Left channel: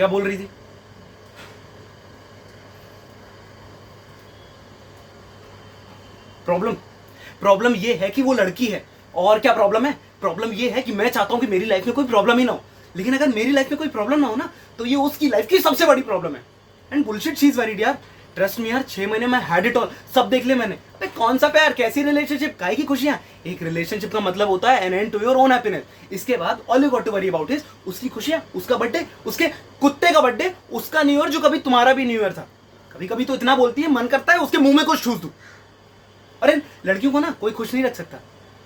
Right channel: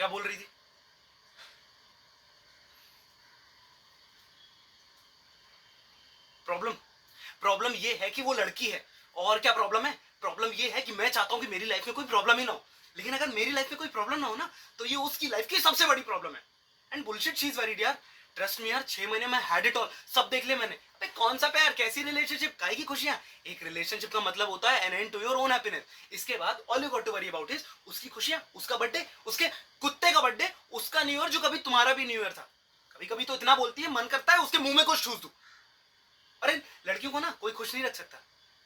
क्या बोल रही थी? प्रॉब्लम ये है कि वो लड़की है। और क्या प्रॉब्लम है? प्रॉब्लम ये है कि मैं चाहता हूं कि मेरी लाइफ में कोई प्रॉब्लम ही ना हो, लेकिन अगर मेरी लाइफ में कोई प्रॉब्लम ना हो ना, तो ये उसकी लाइफ की सबसे बड़ी प्रॉब्लम है। And bullshit she is worried यार। ट्रस्ट मी यार, 6 महीने में हैड इट ऑल, सब देख ले मैंने। अबे कौन सा प्यार, कैसी रिलेशनशिप, काहे की खुशियां। एक रिलेशनशिप का मतलब होता है an end to your own happiness. इसके बाद all you got to worry about is उसकी खुशियां, उसका बर्थडे, उसके कुत्ते का बर्थडे, उसका न्यू ईयर जो कभी तुम्हारा भी न्यू ईयर था। कभी कभी तो इतना बोलती है मन करता है उसके मुंह में कुछ ठूस दूं। अरे लड़कियों को ना कोई खुश नहीं रख सकता,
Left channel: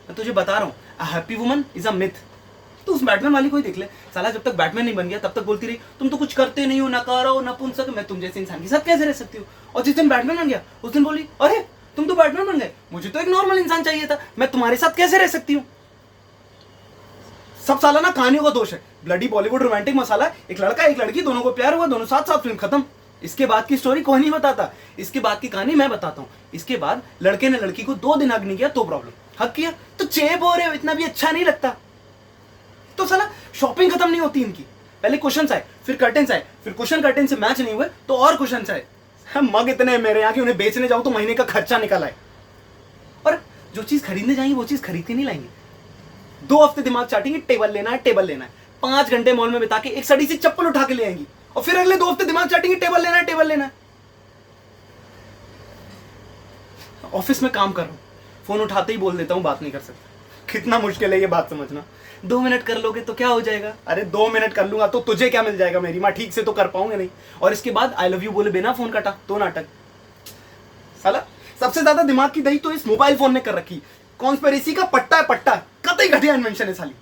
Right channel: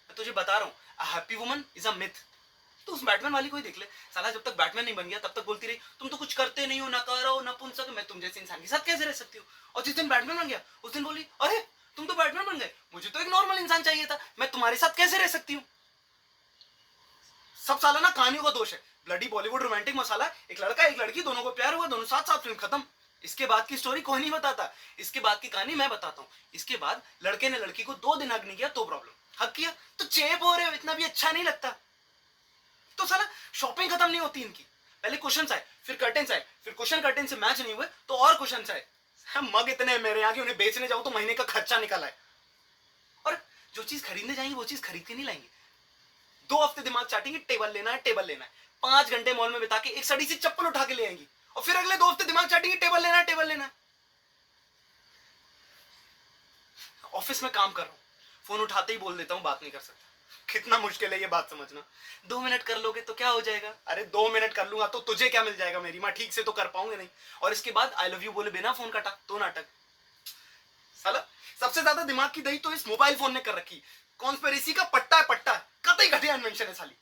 मैं तुझे बता रहा हूँ। A happy woman is a myth. तो उस बैटमैन वाली को ही देख ले, साला जब तक बैटमैन नहीं बन गया तब तक बोलती रही तुम तो कुछ करते नहीं हो, नकारा हो, नपुंसक, मैं तुम जैसे इंसान के साथ कैसे रह सकती हूँ। और जिस दिन बैटमैन बन गया उस दिन बोली अरे तुम तो बैटमैन बन गए, मुझे तो एक नॉर्मल इंसान चाहिए था, मैं तुम्हारे साथ कैसे रह सकती हूँ। सब साला ना कहानियों का दोष है। ब्लडी बॉलीवुड रोमांटिक मसाला, एक लड़का एक लड़की, दोनों को प्यार हुआ, दोनों साथ साथ, फिल्म खत्म। इसके बाद की स्टोरी कोई नहीं बताता, इसके बाद की कहानी मैं बताता हूँ। इसके बाद लड़के ने लड़की को 2 दिन हक नहीं किया तो प्रॉब्लम, हक किया तो चेप हो रहे हो, इतना भी अच्छा नहीं लगता। तो साला शॉपिंग खत्म नहीं होती इनकी। पहले क्वेश्चंस आए, फिर कर्टेन्स आए, फिर क्वेश्चन कर्टेन से मैच नहीं हुए तो और क्वेश्चंस आए। मग इतने मेरे यहाँ की उन्हें बेचने जाऊं तो महीने का खर्चा निकल आए। और जो चीज खरीदने जाएंगे वो चीज खरीद के नहीं लाएंगे। 2 हफ्ते दिमाग चाटेंगे, टेबल लेना है, टेबल लेना है। 5 घंटे मॉल में बिता के एक सड़ी सी चप्पल उठा के ले आएंगी, और फिर अगले 2 हफ्ते दिमाग चाटेंगे, टेबल लेना है, टेबल लेना है। ऑफिस में काम कर रहा हूं, फोन उठाते ही बोल देता हूं बात नहीं कर सकता। कितना मुश्किल है ये बात समझना। 2 मिनट कर लोगे तो क्या हो जाएगा? अरे 2 मिनट कर लूंगा तो तुझे क्या मिल जाएगा? मेरी माँ ठीक से तो कर पाऊंगा नहीं। और इसके बाद आई लव यू बोले बिना फोन काटा तो नाटक। साला सबसे ज्यादा दिमाग की दही तो इस मोबाइल फोन ने कर रखी। कॉन्स्पिरेसी का पट्टा है, पट्टा, कतई घटिया इन्वेंशन है साली।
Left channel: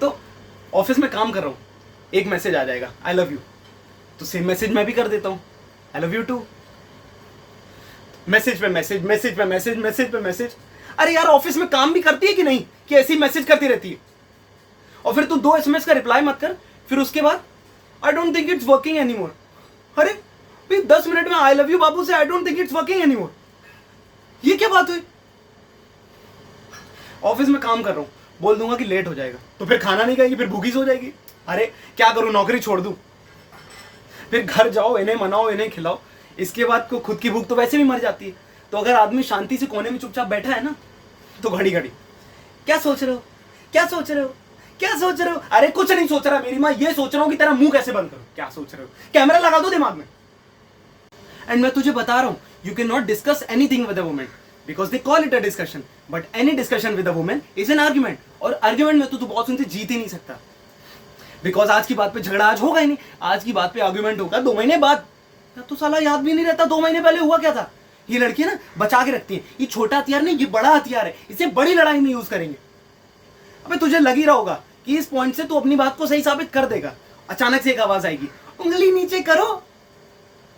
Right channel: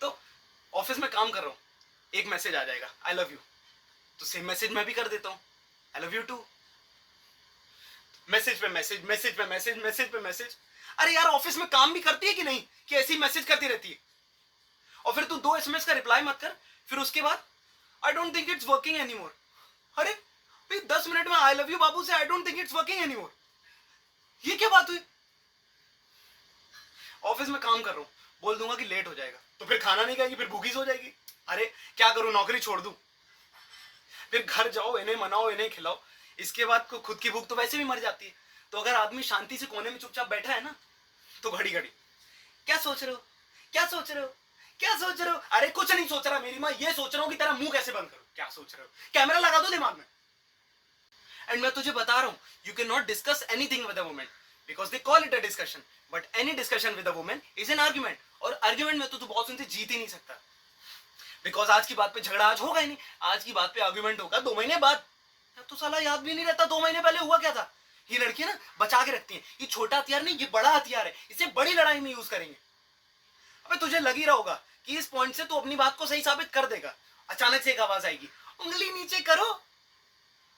तो ऑफिस में काम कर रहा हूं, एक मैसेज आ जाएगा आई लव यू, तो सेम मैसेज मैं भी कर देता हूं I love you too. Message पे मैसेज, मैसेज पे मैसेज, मैसेज पे मैसेज। अरे यार ऑफिस में काम भी करती है कि नहीं, कि ऐसी मैसेज करती रहती है? और फिर तू 2 SMS का रिप्लाई मत कर, फिर उसके बाद I don't think it's working anymore. अरे भाई 10 मिनट में आई लव यू बाबू से I don't think it's working anymore, ये क्या बात हुई? ऑफिस में काम कर रहा हूं, बोल दूंगा कि लेट हो जाएगा, तो फिर खाना नहीं खाएगी, फिर भूखी सो जाएगी। अरे क्या करूं, नौकरी छोड़ दूं? फिर घर जाओ, इन्हें मनाओ, इन्हें खिलाओ, इसके बाद को खुद की भूख तो वैसे भी मर जाती है। तो अगर आदमी शांति से कोने में चुपचाप बैठा है ना, तो घड़ी घड़ी क्या सोच रहे हो, क्या सोच रहे हो, क्या सोच रहे हो? अरे कुछ नहीं सोच रहा मेरी माँ, ये सोच रहा हूं कि तेरा मुंह कैसे बंद करूं। क्या सोच रहे हो? कैमरा लगा दो दिमाग में। एंड मैं तुझे बता रहा हूं, you can not discuss anything with a woman because they call it a discussion, but any discussion with a woman is an argument. और आर्ग्यूमेंट में तो तू बहुत सुनते जीत ही नहीं सकता, बिकॉज आज की बात पे झगड़ा आज होगा ही नहीं, आज की बात पे आर्ग्यूमेंट होगा 2 महीने बाद। तो साला याद भी नहीं रहता 2 महीने पहले हुआ क्या था। ये लड़की ना बचा के रखती है, ये छोटा हथियार नहीं, ये बड़ा हथियार है, इसे बड़ी लड़ाई में यूज करेंगे। अबे तुझे लग ही रहा होगा कि इस पॉइंट से तू अपनी बात को सही साबित कर देगा। अचानक से एक आवाज आएगी, उंगली नीचे करो।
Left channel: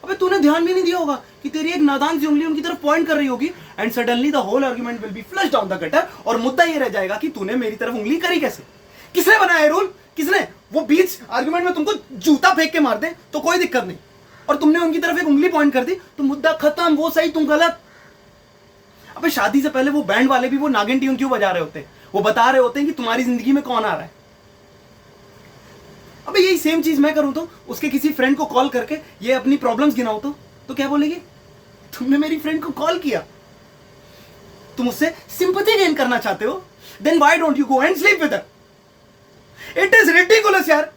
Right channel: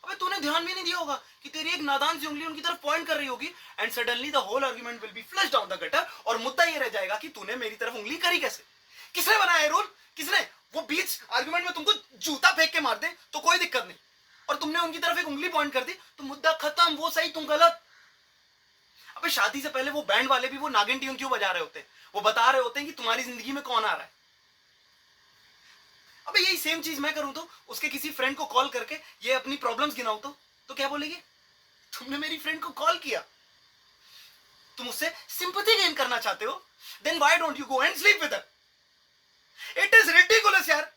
अबे तूने ध्यान भी नहीं दिया होगा कि तेरी एक नादान सी उंगली उनकी तरफ पॉइंट कर रही होगी, and suddenly the whole argument will be flushed down the gutter. और मुद्दा ये रह जाएगा कि तूने मेरी तरफ उंगली करी कैसे, किसने बनाया है रूल, किसने? वो बीच आर्गुमेंट में तुमको जूता फेंक के मार दे तो कोई दिक्कत नहीं, और तुमने उनकी तरफ एक उंगली पॉइंट कर दी तो मुद्दा खत्म, वो सही तुम गलत। अबे शादी से पहले वो बैंड वाले भी वो नागिन ट्यून क्यों बजा रहे होते हैं? वो बता रहे होते हैं कि तुम्हारी जिंदगी में कौन आ रहा है। अबे यही सेम चीज मैं करूं तो उसके किसी फ्रेंड को कॉल करके ये अपनी प्रॉब्लम्स गिनाऊं तो क्या बोलेगी? तुमने मेरी फ्रेंड को कॉल किया, तुम उससे सिंपैथी गेन करना चाहते हो, then why don't you go and sleep with her? It is ridiculous यार।